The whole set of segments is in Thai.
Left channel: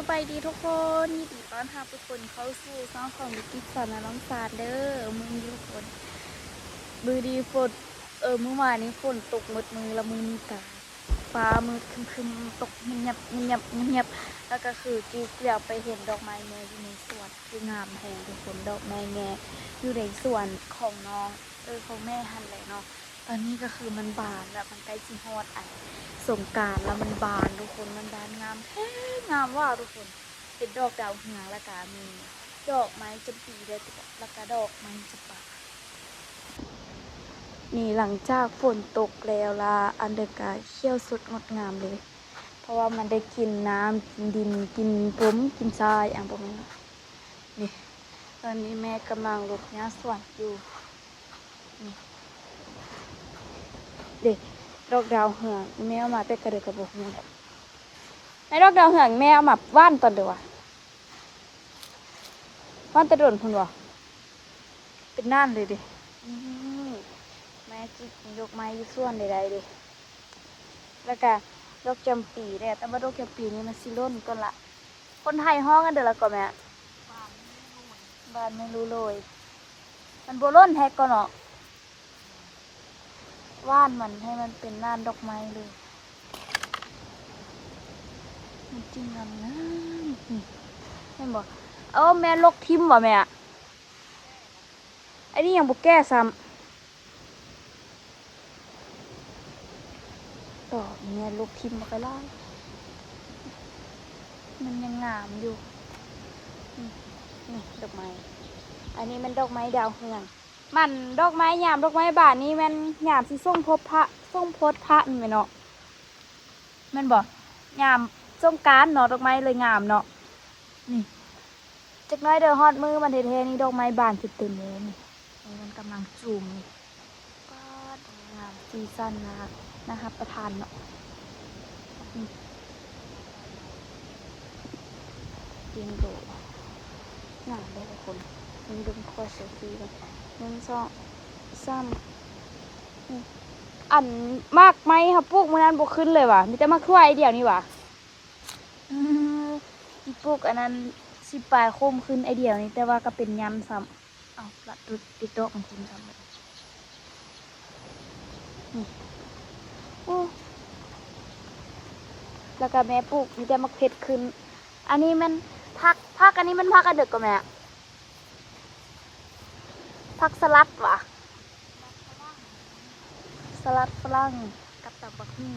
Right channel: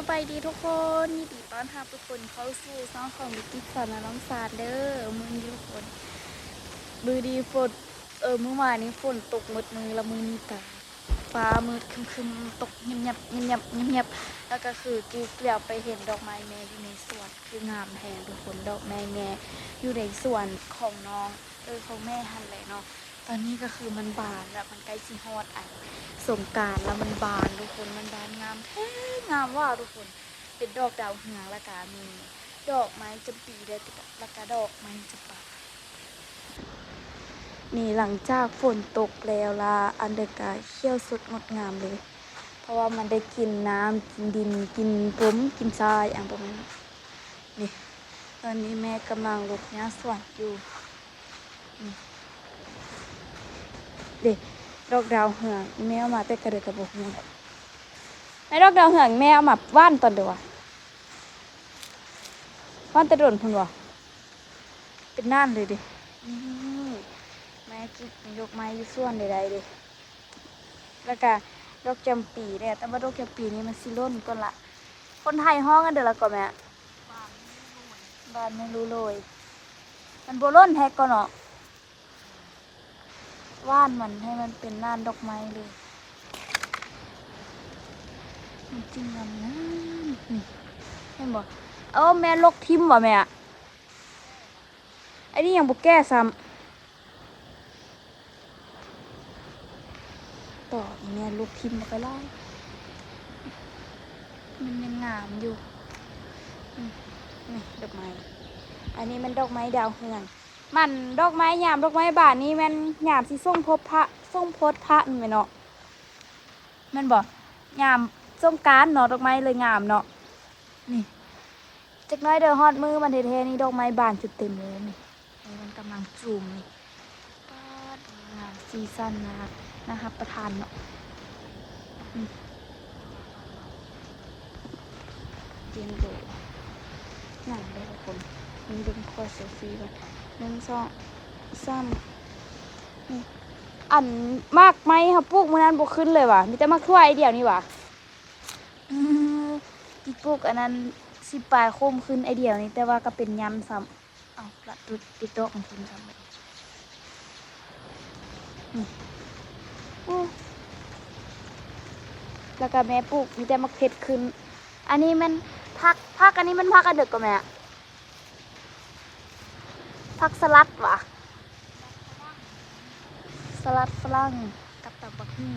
สบายดีทุกคนยินดีต้อนรับทุกคนเข้าสู่ช่องของวิกิสอนน้องสารเด้อมือนี้ทุกคนมือดีฝนเมื่อวานนี้ฝนตกหมดมือละมือมีตาฟ้ามืดคึมๆตกเงียบแล้วก็คือกีเกลียวไปเห็นดอกไม้แม่อยู่ในสวนคืองามแพงทุกคนดอกแม่อยู่ในสวนของน้องของแม่หันเลยเนาะตอนนี้ก็คือมันบานแล้วมันใกล้สิฮอดอันสงกรานต์แล้วมันบานทุกคนมันบานงามแท้งามว่าทุกคนเป็นดอกดาวเรืองแล้วก็มีดอกไม้จำปีแล้วก็ดอกไม้จำปานี่หลังจากฝนตกแล้วละอันเดอร์กาเขี้ยวสดงดงามเลย เพราะว่ามันได้กินน้ำกินดินกินร่มกินทรายอย่างประมาณนี้นี่ตอนนี้แม่กำลังรดน้ำสวนอยู่นี่เด็กดอกดาวเหืองแม่เอามาแต่กระเดกกระบอกนี่ไอ้ดอกดาวเหืองแม่เอามาว่านตอนเดียวว่านตะโดนคุณวะเป็นน่านเลยดิแม่จิยกไม้อยู่ส่วนใดๆดิแล้วก็ดอกจำปีเนี่ยแต่ว่าดอกจำปีนี้มันสิล้นก่อนละคนไทยห้องกันเดี๋ยวละก่อนแม่บ้านไม่รู้เลยมันโบล้นแฮกก่อนเนาะว่านมันให้มันเป็นน่านดอกไม้เลยจริงๆนะนี่เห็นบ่แม่ลกทิมบ่แม่ไอ้นี่ยังบุกแก้ซ้ำต่อแม่ลกทิมมาไปแล้วมันยังงามอยู่นี่ดอกไม้อันนี้มันดอกไม้ดาวเรืองมันดอกไม้ยามดอกไม้บานนี้มันยามที่ส่งพบพระส่งพดพระนี่ไหมเนาะมันบอกยามส่งการเนาะดอกไม้เลยงามเนาะนี่จักน้อยเดินฮอดมือมันเทนี่ดอกไม้บานจุดเต็มเลยนี่มันกำลังจูมนี่ป้าดงามซีซั่นนะครับประทานเนาะจริงโดงามเลยทุกคนดึงตัวเซลฟี่ก่อน1 2 3อันมากไหมเขาปลูกมานานบกขึ้นเลยว่ะมีแต่มะขวายเดียวนี่ว่ะที่ปลูกอันนั้นสิปลายโคมขึ้นไอเดียวนี่แต่ว่าก็เป็นยำซ้ำเอาละติดโต๊ะของกินซ้ำเลยแล้วก็แม่ปลูกมีแต่มะเขือขึ้นอันนี้มันผักอันนี้มันผักกระเดือกกับแม่ผักสลัดว่ะสลัดฝรั่งกับตับบักนี่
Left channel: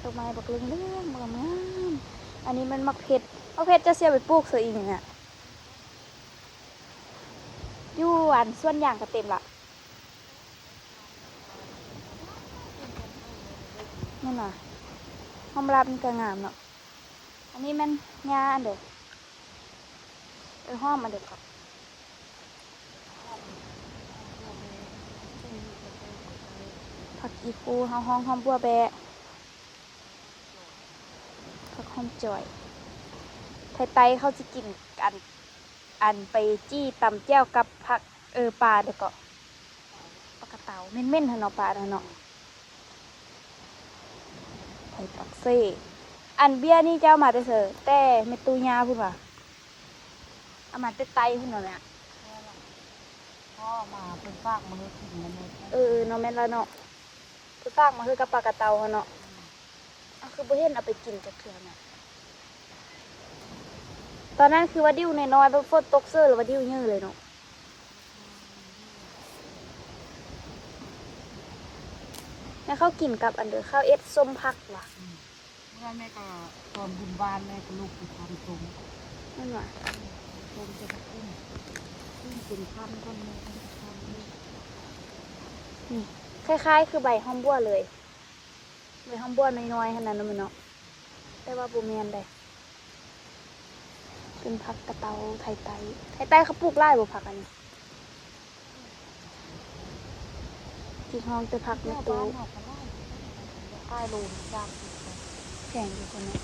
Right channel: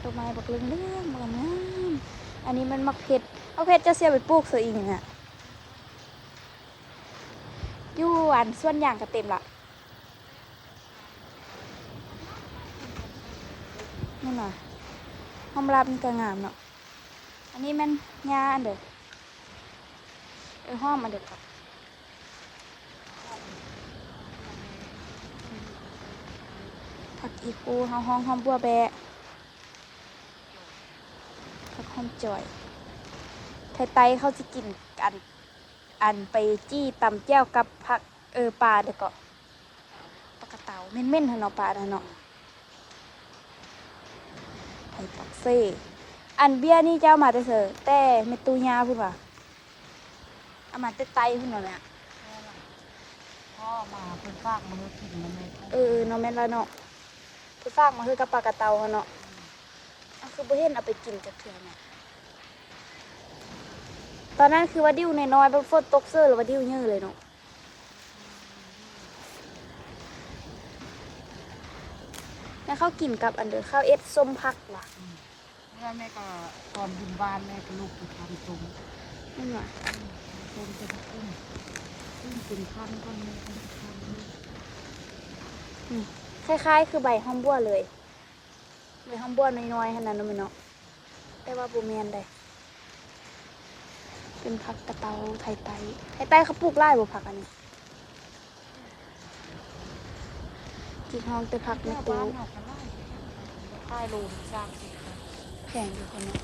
ต้นไม้บักเรื่องงามอันนี้มันมะเขือจะเสียไปปลูกเสืออีกเนี่ยอยู่อันส่วนอย่างก็เต็มละนั่นน่ะหอมรับมันก็งามเนาะอันนี้มันยาอันเด้อหอมอันเด้อก่อนผักอีกูห้องบัวแบะผักหอมจ่อยไทยเขาจะกินอันไปจี้ตำแก้วกับผักปลาเด้อก็ปลากระเต่าเม่นเนาะปลาเนาะไทยปักเซ่อันเบี้ยนี่เจ้ามาแต่เถอะแต่เมตูยาพูดว่าเอามาแต่ไตพูดหน่อยเนี่ยก็มาเพิ่นฝากมาเฮากินมันเลยเนาะแม่นแล้วเนาะเพิ่นฝากมาคือกับปลากระเต่าเนาะคือบ่เห็นเอาไปกินกับเถื่อนน่ะตอนนั้นคือว่าดิ้วน้อยๆเป็นฝนตกเสื้อหรือว่าดิ้วเยอะเลยเนาะแล้วเขากินกับอันเดอร์ข้าวเอ็ดส้มผักว่ะเมื่อแม่ก็ตอนบุญบ้านแม่ก็ลูกติดตามชมนั่นว่ะชมจะอุ้มเป็นขั้นคนแม่ขั้นคล้ายๆคือใบหอมบัวเลยใบหอมบัวน้อยๆขนาดนั้นเนาะแต่ว่าบูเมียนได้เป็นผักกระเตาไทยเขาปลูกไร่บุผักอันนี้ที่ห้องแต่ผักในตู้ใต้โลมจากแพงอยู่คนนี้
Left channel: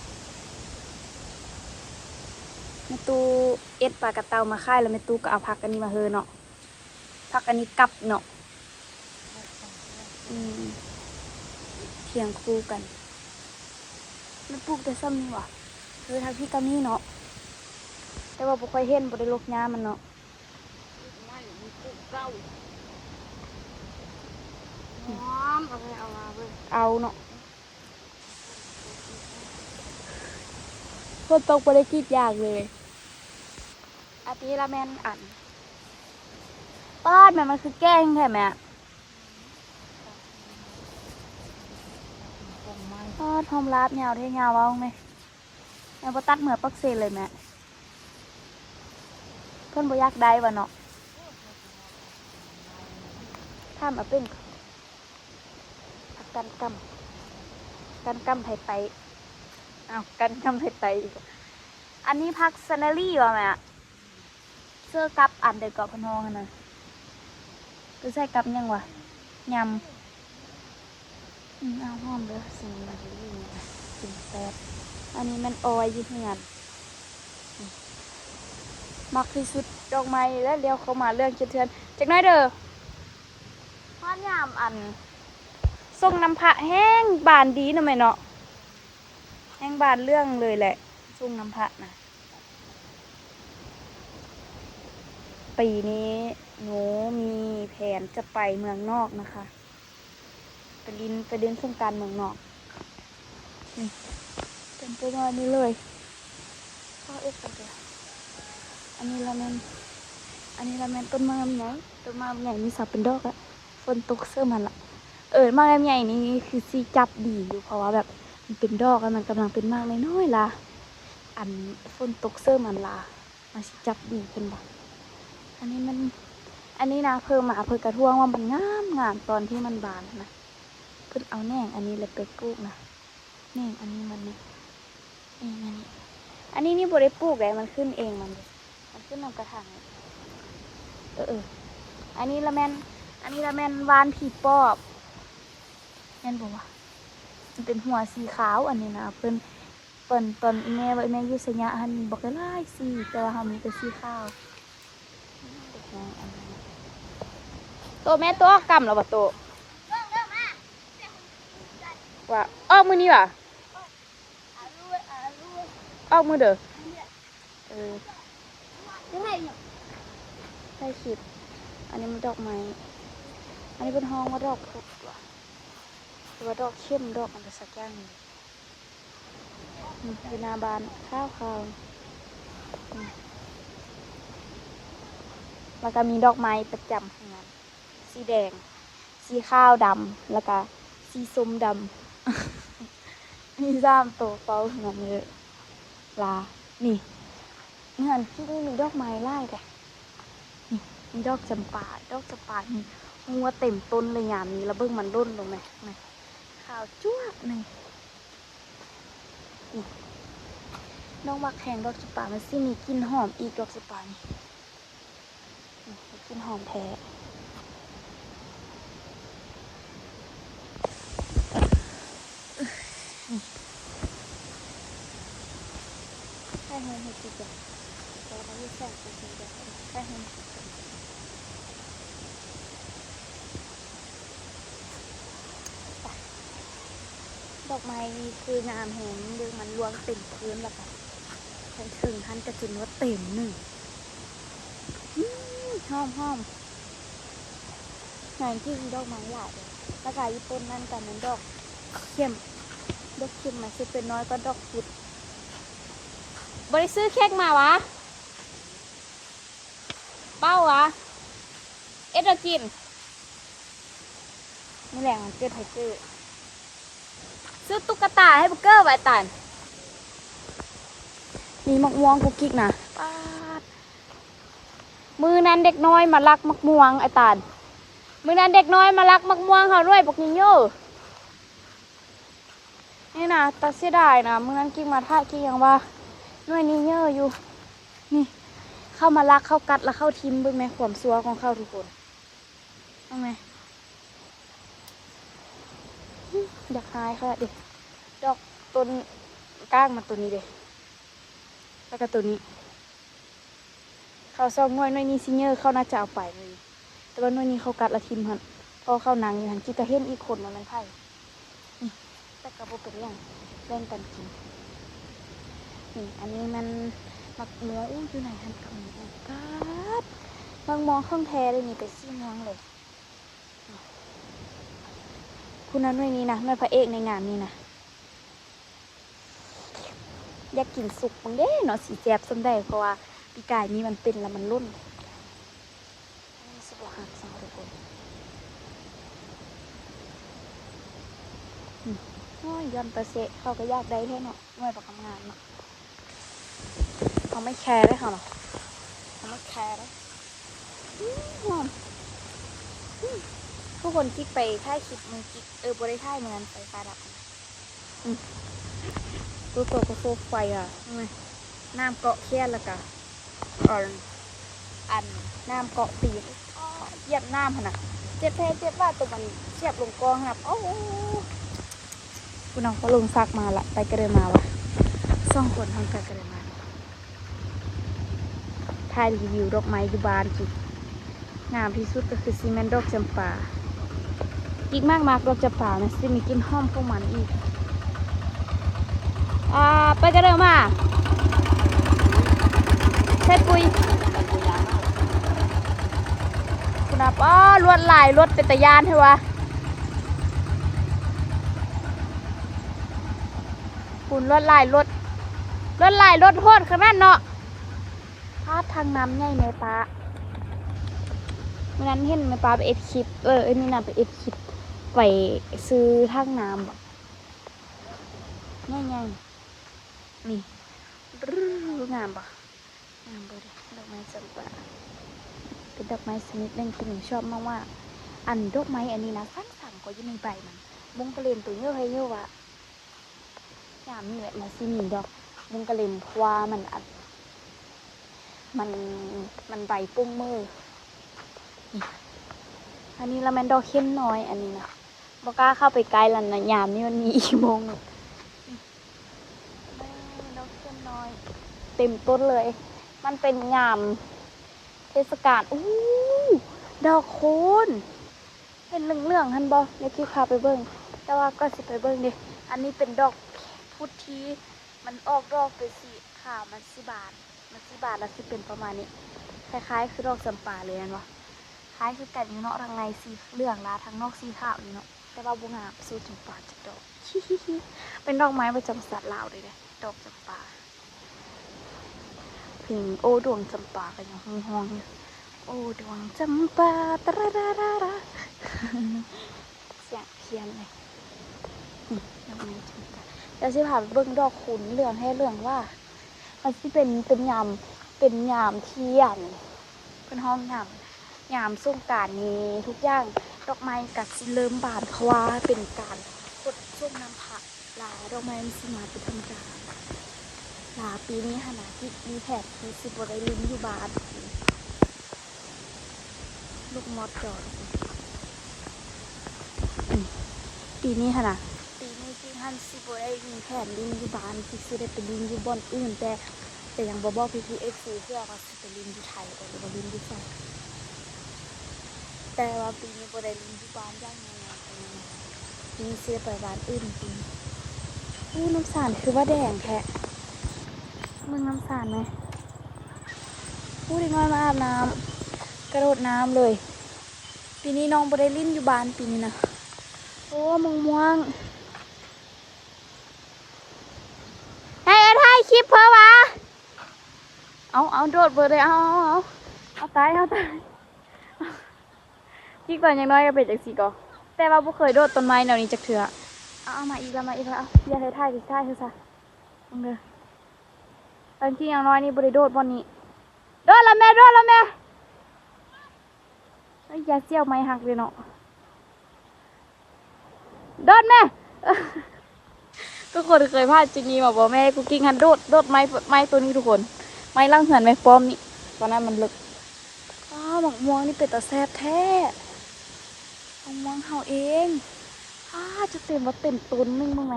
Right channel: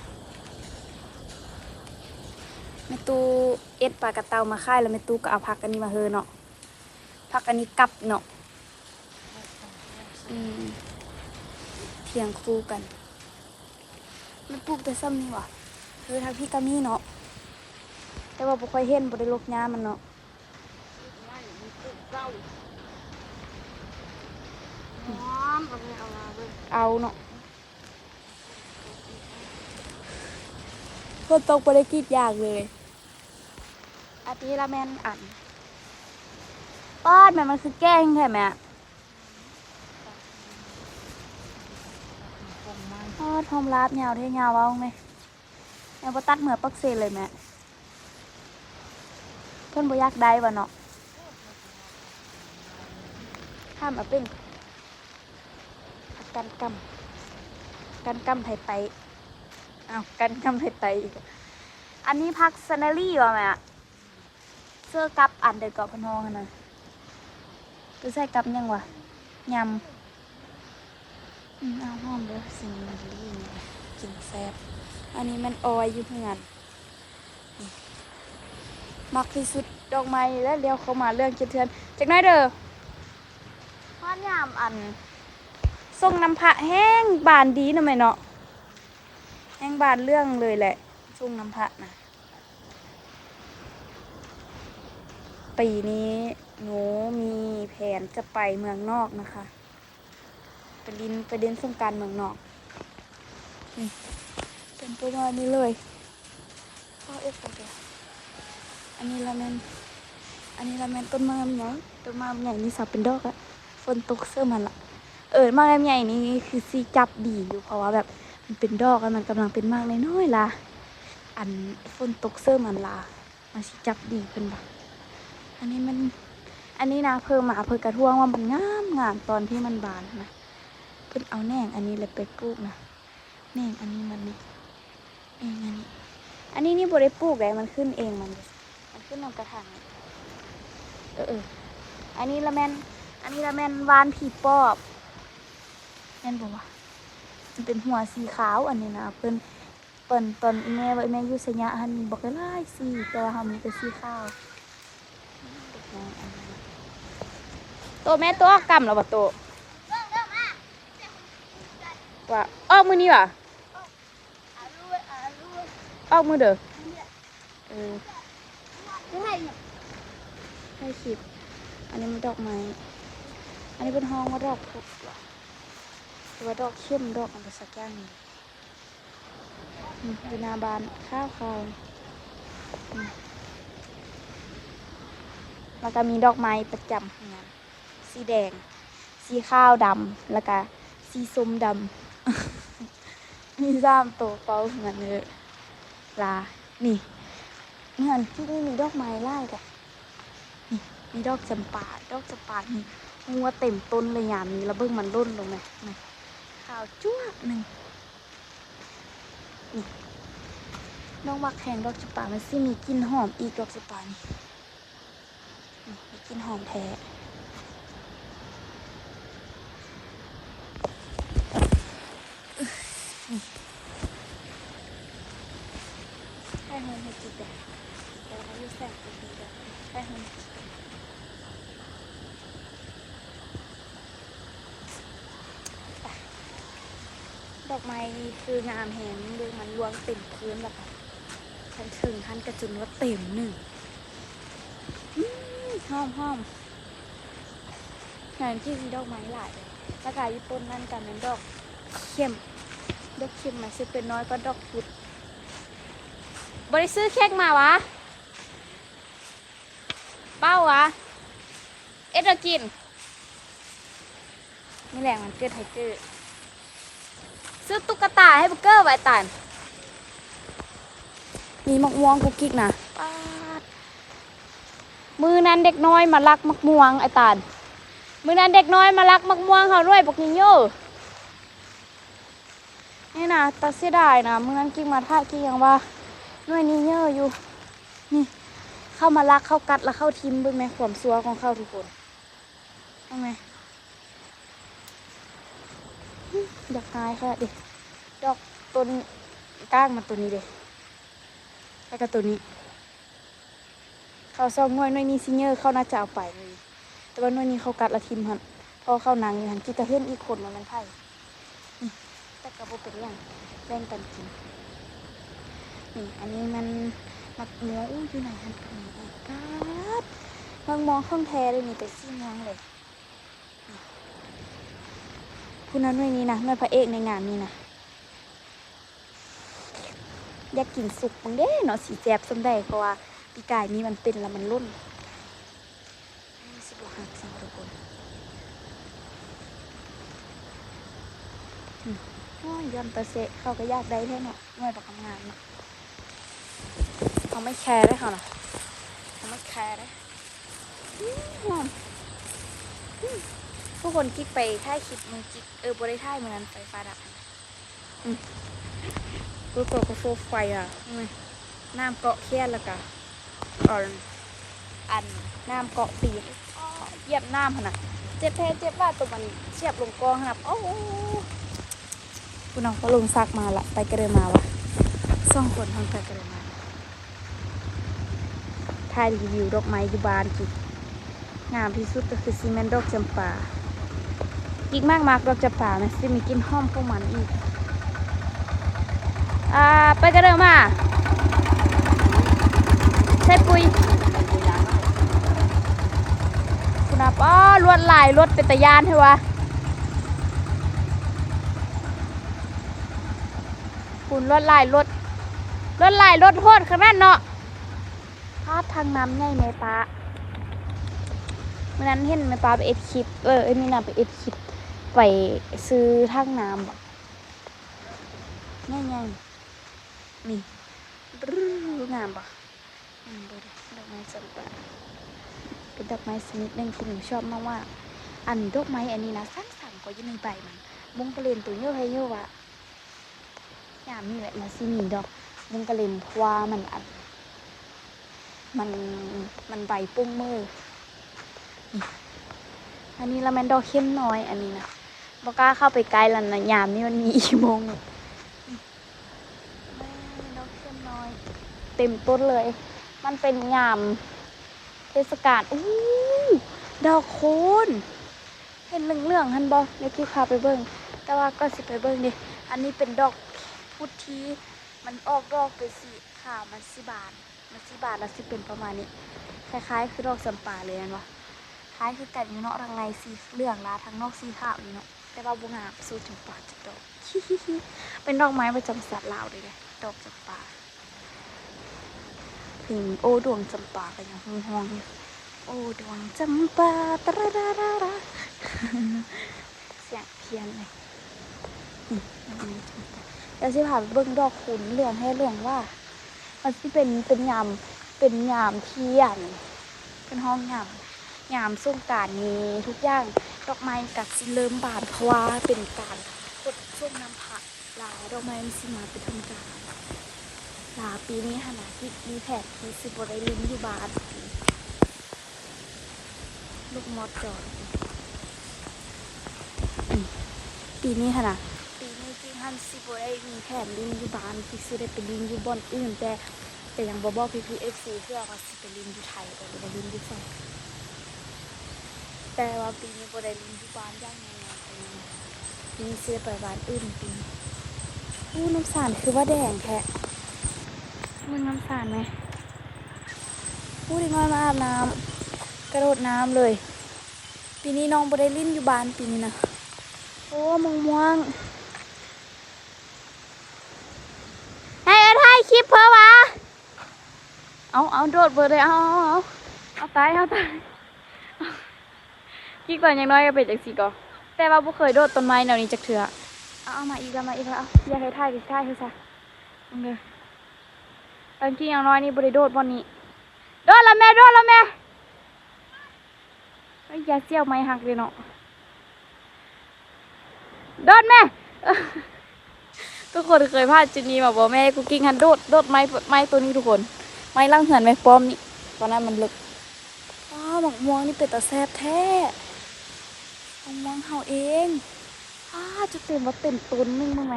ในตู้เอ็ดปลากระเตามาค่ายแล้วในตู้ก็เอาผักอันนี้มาเฮเนาะผักอันนี้กับเนาะเทียงคู่กันมันปลูกแต่ซ้ำนี่วะ ทางพี่ก็มีเนาะแต่ว่าบ่ค่อยเห็นบ่ได้ลกยามันเนาะ ง่ายมีกุ้งเก้าหอมเอาไปเอาลาเบิ่ง เอาเนาะฝนตกบ่ได้กรีดยากเลยอาทิละแม่นอันป้อนแม่มันคือแกล้งแท้แม่ป้อนหอมลาบยาวเท่ยาวเอาไหมยังบ่ตัดเหมือปักเซเลยแม่เพิ่นบ่อยากได้วะเนาะทำเอาเป็นกันกำไทยไตอ้าวกันกำไทยไตอีกอันนี้พักซันนารี่วะแม่เสื้อกับอันเด็กกับพนองนะก็ใส่กับยังวะยำเอาหอมเด้อสิ่งมันดีเนี่ยกินแซ่บอันนี้มันออยอยู่เพื่อนมักที่สุดดอกไม้แล้วเดี๋ยวเขามาเรื่องเทือนจากไหนเด้อว่ายามอันทรงน้ำพระแห้งบานดีนะไหมเนาะแห้งบานเรื่องเลยแหละทรงน้ำพระนะปีนี้หนูมีแผนจะไปเมืองนอกนะคะไปเดินสงกรานต์เมืองนอกเป็นประมาณนี้เลยก็เอ็ดกันเลยอันนี้ละแมนต้นมะม่วงใหญ่นี่สับเป็นดอกอะฝนตกเสื้อมันละมะม่วงใหญ่นี่คือซีจับดีอยู่เพราะว่าแบบมันเป็นดอกแล้วมันกำลังเป็นมากน้อยๆล่ะอันฝนตกเสื้อมันล่ะมันซีจับดีขึ้นบ่อันนี้นะเพิ่มมาเพิ่มกระท่วงว่ามันงามตอนที่มันบานนะเพิ่นเอาแหน่งอันนี้เลยไปปลูกนะแหน่งอันนี้มันนี่เองอันนี้นี่บ่ได้ปลูกเลยมันขึ้นเองมันขึ้นนำกระถางอันนี้ละแมนวานผีปอบแม่นบอกว่ามันเป็นหัวสีขาวอันนี้นะเปิ้นตอนแม่ว่าแม่อยู่สยะหันบอกได้หลายสีตัวเฮามีแต่สีขาวโตแม่โตกำแล้วบ่โตว่าออกมือนี่ว่ะออกมือเด้อใช่คลิปอันนี้มันดอกไม้อันนี้เป็นห้องว่าดอกพุดหรือว่าดอกเข้มดอกอะไรสักอย่างนี่เป็นนาบานข้าวมันก็มีดอกไม้ประจำสีแดงสีข้าวดำแล้วก็สีส้มดำมีซ้ำโตเป้าเหมือนเลยลานี่เงินที่นี่มีดอกไม้ไล่แต่นี่มีดอกจำปานี่งัวเต็มต้นเลยยามนี้แล้วเบิ่งมันร่นลงไหมขาวจ้วหนึ่งนี่น้องมักแข่งดอกจำปามันสิมีกลิ่นหอมอีกดอกจำปานี่กลิ่นหอมแท้ให้มันให้ติดแบบเดี๋ยวมันจะแสบตรงนี้เดี๋ยวให้มันติดแบบดอกไม้ดีคืองามแหงเดี๋ยวมันรวงเต็มพื้นแบบถึงท่านกระจุนว่าเต็มหนึ่งหอมงานที่ดอกไม้หลายเลยราคาญี่ปุ่นนั่นกันนั้นดอกเข้มมันจะเป็นน้อยก็ดอกพุดบริซื้อเค้กมาวะเป้าวะเอ็ดกินนี่แหละมันเกิดไทเกอร์ซื้อตุ๊กตาให้บุ๊กเกอร์ไว้ตันมีมะม่วงกุ๊กกิ๊กนะมือนั้นเด็กน้อยมาลักมะม่วงไอ้ตาลมือนั้นเด็กน้อยมาลักมะม่วงเขาด้วยบอกนิโย่นี่นะตาเสียดายนะมือนั้นกิ๊กมาท่ากิ๊กยังว่าด้วยนิโย่อยู่นี่เข้ามาลักเข้ากัดแล้วเข้าทิมเบิ่งไหมความซัวของเขาทุกคนเอาไหมอยากหายค่ะดิดอกต้นก้างมาตัวนี้เด็แล้วก็ตัวนี้เขาซองน้อยนี้ซิเนอร์เข้าน่าจะเอาไปเลยแต่ว่าน้อยนี้เขากัดละทิมหันพอเข้านังอยู่หันกินกระเห็นอีกคนมันไผ่แต่กระโบเป็นอย่างแบ่งกันกิน นี่อันนี้มันมักม่วงอุ้ยอยู่ไหนทันกับม่วงป๊าดมักม่วงเครื่องแท้เลยนี่ไปซี่ม่วงเลยผู้นั้นด้วยนี้นะนวยพระเอกในงานนี้นะอยากกินสุกตรงเด้เนาะสีแซ่บสมได้เพราะว่าปีกายนี้มันเป็นแล้วมันรุ่นอันนี้สิบหักสองทุกคนอ้อยยอนตะเสะเขาก็อยากได้แค่เนาะหน่วยประกอบงานเนาะเขาไม่แคร์ได้ค่ะเนาะเขาไม่แคร์ได้ผู้คนที่ไปท่ายคลิปมึงจิบริท่ายมันไฟฟ้าดับตัวกระโซกไฟอ่ะน้ำเกาะเขี้ยนแล้วกันอันน้ำเกาะปีกเหยียบน้ำขนาดเจ็บแท้เจ็บว่าตัวมันเฉียบลงกองขนาดโอ้คุณน้องก็ลงซักมาละไปกระเดมาวะส่องคนทางไปกระเดมาถ่ายรีวิวดอกไม้ยูบานจุดงามที่สุดก็คือซีเมนต์ดอกจำปาอีกมากดอกจำปานะจะมีกลิ่นหอมของมันอีกไปกันเร็วมาใช่ปุยคุณอาป้าลวดลายรถเป็นตะยานใช่วะคุณลวดลายรถโหดขนาดเนาะพาดทางน้ำใหญ่ไหมป้าเมื่อนั้นเห็นไหมป้าไปเอ็ดคลิปนี่นะไปเอ็ดคลิปไปซื้อทางน้ำบอกง่ายๆนี่งามปะงามเลยดอกไม้จำปาเป็นดอกไม้ชนิดหนึ่งที่หนูชอบมากว่าอันดอกไม้อันนี้นะสั่งก็อยู่ในใบมันมุงกระเลนตัวเยอะให้เยอะวะงามนี่แหละมาซีมีดอกมุงกระเลนเพราะว่ามันใบปุ้งมืออันนี้ละแมนดอกเข้มน้อยอันนี้นะบอกล้าเข้าไปไกลแล้วนะยามนี่มันมีอีโมงเต็มต้นเลยมันเป็นยามเทศกาลดอกโคนเห็นเหลืองๆฮันบอในคลิปพาไปเบิ้งแต่ว่าก็สิไปเบิ้งดิอันนี้เป็นดอกพุทธีมันออกดอกไปสีขาวมันสีบานแล้วสิเป็นประมาณนี้คล้ายๆคือดอกสัมปาเลยนะวะคล้ายคือกันอยู่เนาะทางในสีเหลืองนะทางนอกสีขาวอยู่เนาะแต่ว่าบุงาสู้จำปาจับดอกเป็นดอกไม้ประจำสัตว์ลาวเลยดอกจำปาถึงโอ้ดวงจำปากันอย่างห่วงอยู่โอ้ดวงจำปาตระระระระเสียงเทียนเลยนี่ดอกไม้จำปาเดี๋ยวสิพาไปเบิ่งดอกขุนเหลืองให้เหลืองว่ามันสิเป็นยามเทียนเป็นห้องยามส่งกรานต์นี้ทุกอย่างดอกไม้กัดสิเริ่มบานเพราะว่าเป็นการกดช่วงน้ำผักหลายดอกไม้มันสิมาเป็นธรรมดาปีนี้ค่ะนะที่มีแผนที่สิบได้ลิ้นอยู่บาทลูกมอดจอดปีนี้ค่ะนะปีนี้คือท่านสิบได้มีแผนลิ้นอยู่บานคือสิได้ไปลิ้นอยู่บอนอื่นแต่ยังบอกพี่เอฟซีเพื่อว่าสิไปลิ้นอยู่ไทยแต่ไปลิ้นอยู่ไทยแต่ว่าปีนี้บ่ได้ลิ้นอยู่บ้านย่างนี้ปีนี้สิไปบ้านอื่นปีน้ำสารคือว่าแดงแท้มึงน้ำสารไหมพูดง่ายมาอาบน้ำกระโดดน้ำเลยปีนี้น้องบได้ลิ้นอยู่บ้านปีนี้นะโอ้ม่วงให้ถ่ายคลิปเพื่อวะเอาโดดเบอร์เลยเอาตายกิ๊กตอนยังน้อยก็เป็นจากสีก่อแต่ว่าบุเคยโดดต้นไม้แนวนี้จากเถื่อเอามาอีกแล้วอยากให้ถ่ายคือซะเลยตอนที่ยังน้อยนี่บริโดดบนนี้โดดละแม่ไอ้ยาเสี่ยวไม้หักเลยเนาะโดดแม่ทุกคนเคยพลาดจุดนี้มาบอกแม่กูกิ้งหันโดดไม้ตัวนี้ทุกคนไม้ล่างเหือนไม้ปลอมนี่ตอนนั้นมันลึกหมกม่วงนี่เป็นตาแซ่บแท้หมกม่วงเห่าเองจะเต็มว่าเต็มต้นนึงบ้างไหม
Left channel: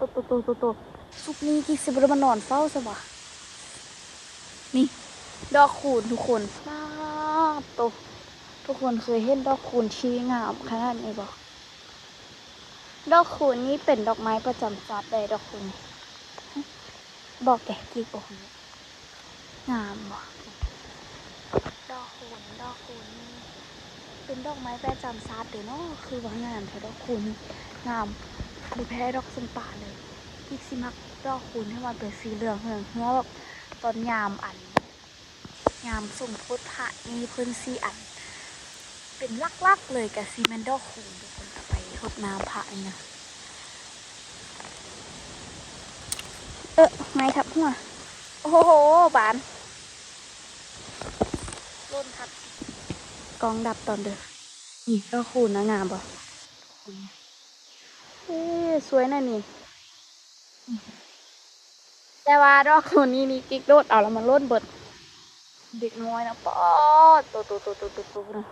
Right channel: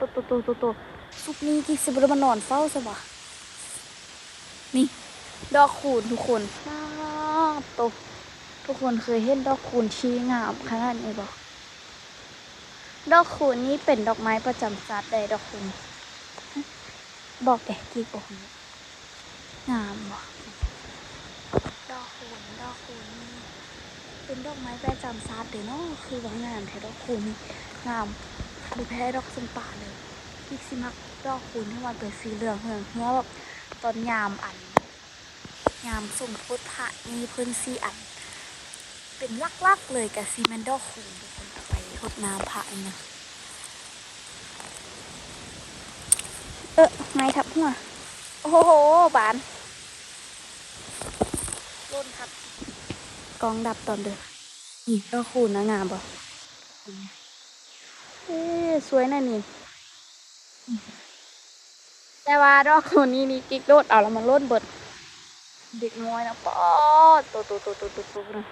ตัวสุกนี้กี่สิบวันมานอนเฝ้าซะวะนี่ดอกคูณทุกคนทุกคนเคยเห็นดอกคูณชี้งามขนาดนี้บ่ ดอกคูณนี่เป็นดอกไม้ประจำชาติใดดอกคูณบอกแต่กิ๊กบอกนี้งามบ่ดอกคูณนี่เป็นดอกไม้ประจำชาติเด้อเนาะคือว่างามแท้ดอกคูณนี่งามดูแพ้ดอกสมป่าเลยกิ๊กสิมักดอกคูณที่มันเป็นสีเหลืองเหิงเพราะว่าตอนยามยามสมโพธิพระนี่เพิ่นสีอันเป็นลักๆเลยกับซีเมนดอกคูณทุกคนเอาไปทดน้ำพระนี่นะไม้ทับหัวโอ้โหบานร่นทับกองดับตอนเด้อนี่ดอกคูณนะงามป่ะสวยนะนี่แต่ว่าดอกคูณนี่กิ๊กโดดเอาแล้วมันร่นเบิดเด็กน้อยนะป๊อดตัวนะ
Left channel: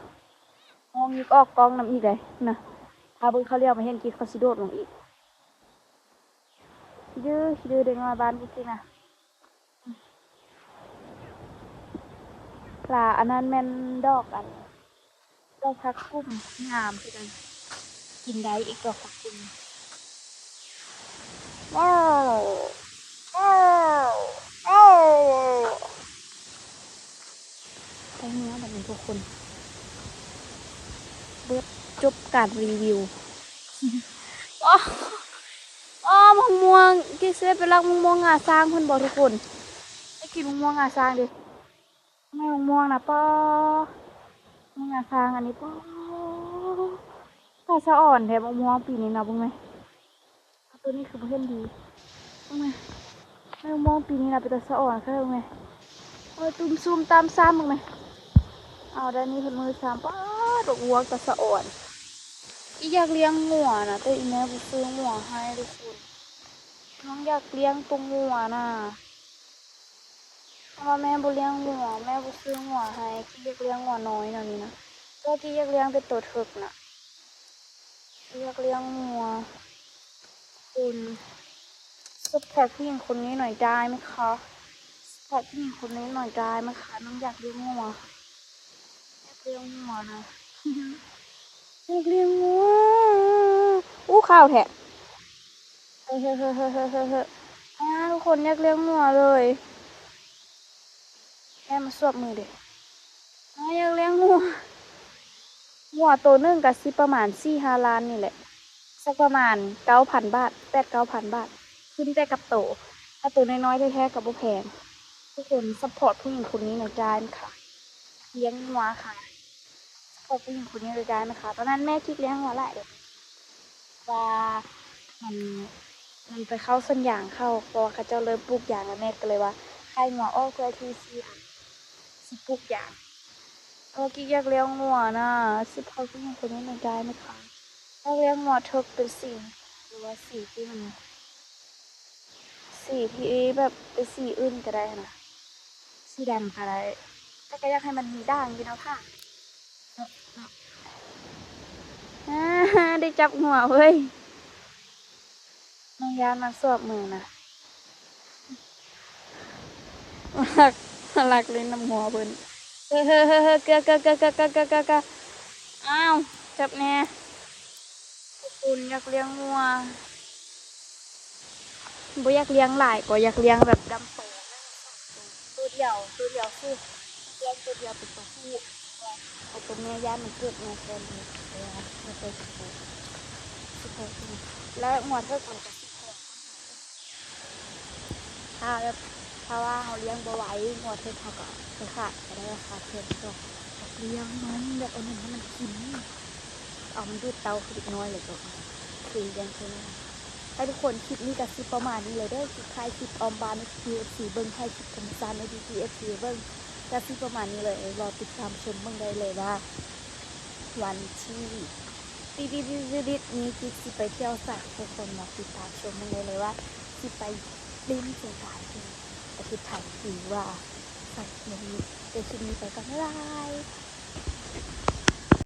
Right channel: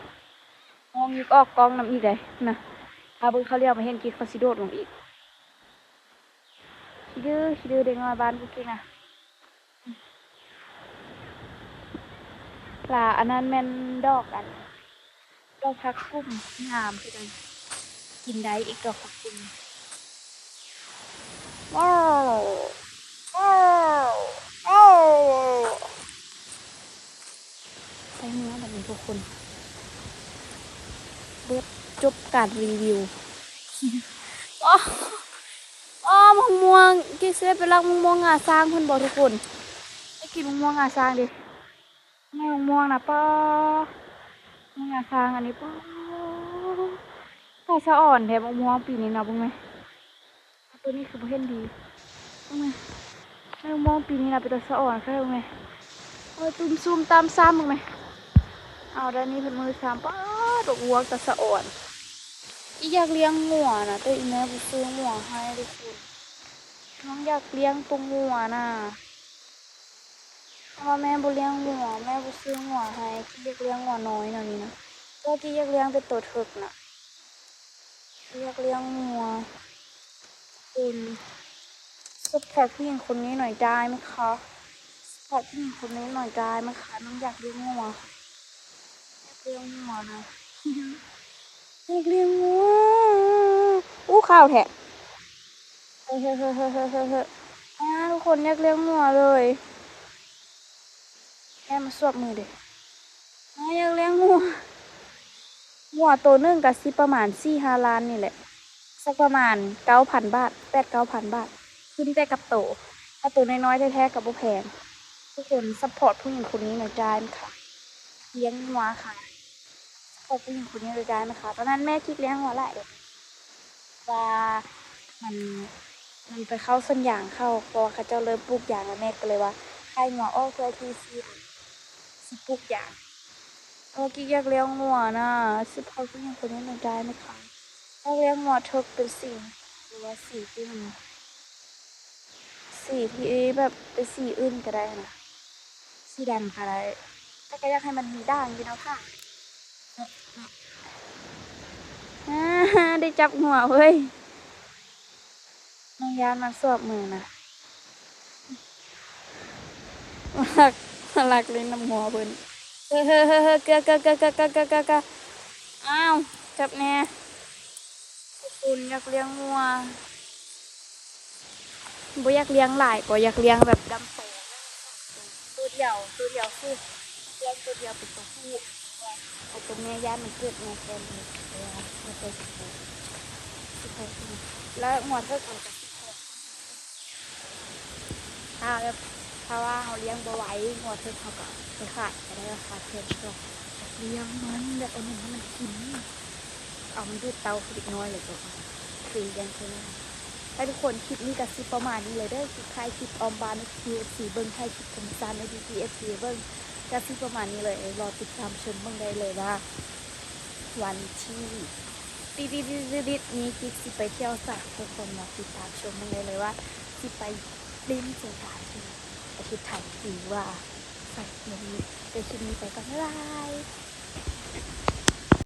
มองอีกออกกองน้ำอีกเลยนะถ้าเบิ่งเขาเรียกมาเห็นกิ๊กเขาสิโดดลงอีกขี้ดื้อเด็กน้อยบ้านกิ๊กนะลาอันนั้นแม่นดอกผักกุ้งงามคือกันกินได้อีกดอกผักกุ้งว้าวใช้เนื้อแบบนี้ทุกคนเบิดจบการรีวิวมะม่วงกิ๊กเซฟไปรักมะม่วงงาช้างคนบอกทุกคนไอ้กินมะม่วงงาช้างดิไม่มะม่วงนะป้ามะม่วงงาช้างอันนี้ป้าใส่สะอ่อนแถมมะม่วงปีนี้นะบุ้งไหมตัวนี้คือประเภทดีบุ้งไหมมะม่วงปีนี้นะเป็นตัวสะอ่อนค่ะบุ้งไหมตุ้มซุ่มตามซ้ำบุ้งไหมเอาด้านนี้เป็นมือซ้ำป้าดอกวัวกับสะอ่อนอีอยากเลี้ยงงัวนะแต่อีแม่บุซื้องัวให้ทุกคนน้องอยากเลี้ยงตัวงัวน่ะเพราะแม่บุเลี้ยงงัวแม่บุซื้องัวให้ที่อยากเลี้ยงงัวน้อยน่ะนี่นะก็ที่อยากเลี้ยงเป็นตัวถึกน่ะอยากเลี้ยงงัวคุณสปอร์ตผู้หญิงคนนี้หน่อยได้ไหมคะสปอร์ตผู้หญิงคนนี้หน่อยได้ไหมคะน้องอยากเลี้ยงงัวอยากเลี้ยงงัวนะอยากเลี้ยงงัวข้าวแทะทุกคนอยากเลี้ยงงัวเลยแค่มาสวบมือเด็กอยากเลี้ยงงัวตัวนึงกับสิประมาณ4-5 ล้านนี่แหละสักประมาณ9,000 บาท8-9,000 บาทขึ้นแต่กับโตถ้าตัวน้อยๆแท้ๆกับบุแพงทุกคนซัพพอร์ตผู้หญิงคนนี้หน่อยได้ไหมคะเลี้ยงงัวค่ะซัพพอร์ตผู้หญิงคนนี้เลยได้ไหมคะตอนนั้นแม่คิดเลี้ยงงัวหลายเด็กว่ามันไปเข้าสัญญางเข้าพอเขาเจ้าเริ่มปลูกยางแล้วแม่ก็เลยว่าให้งัวอ้อเพื่อที่สิปลูกยางกิ๊กอยากเลี้ยงงัวนะสิพอผู้หญิงคนนี้หน่อยได้ไหมคะอยากเลี้ยงงัวเทิกเป็นสีหรือว่าสีที่มันสีที่แบบเป็นสีอื่นก็ได้นะสีดำก็ได้แต่ก็อยากให้มันมีด่างอยู่นะค่ะได้จับหัวเว้ยน้องยานมาสวบมือนะรักเลยน้ำหัวเพิ่นเกะอ้าวจับแน่คุณอยากเลี้ยงงัวบ่อยากเลี้ยงหลายก็อยากเลี้ยงแบบดำโตตัวเดียวคือเลี้ยงตัวเดียวเป็นตัวผู้เอาเป็นแม่ย่ามันเกิดมาเป็นมาเป็นแล้วหัวเพื่อนจะถ้าว่าเขาเลี้ยงบ่ไหวหัวเพื่อนเขาก็ไปขาดก็ได้ราคาเพิ่มก็เลี้ยงมันแบบเอาหนึ่งให้มันกินเอามันดูดเตาคือเด็กน้อยเลยก็คือยังคือนั่นให้ทุกคนคลิปนี้กับคลิปประมาณนี้เลยเด้อคลิปใครคลิปออมบานใน TFC เบิ้งใครคลิปธรรมศาสตร์ใน TFC เบิ้งกับคลิปประมาณนี้เลยรอติดตามชมเบิ้งได้เลยว่าวันที่ดิดนี้กิ๊กสิไปเที่ยวสระทุกคนมาติดตามชมเบิ้งได้เลยว่าสิไปเล่นเที่ยวกันแต่คือถ่ายถือว่าใส่เงินในคลิปนี้ไปกันไลฟ์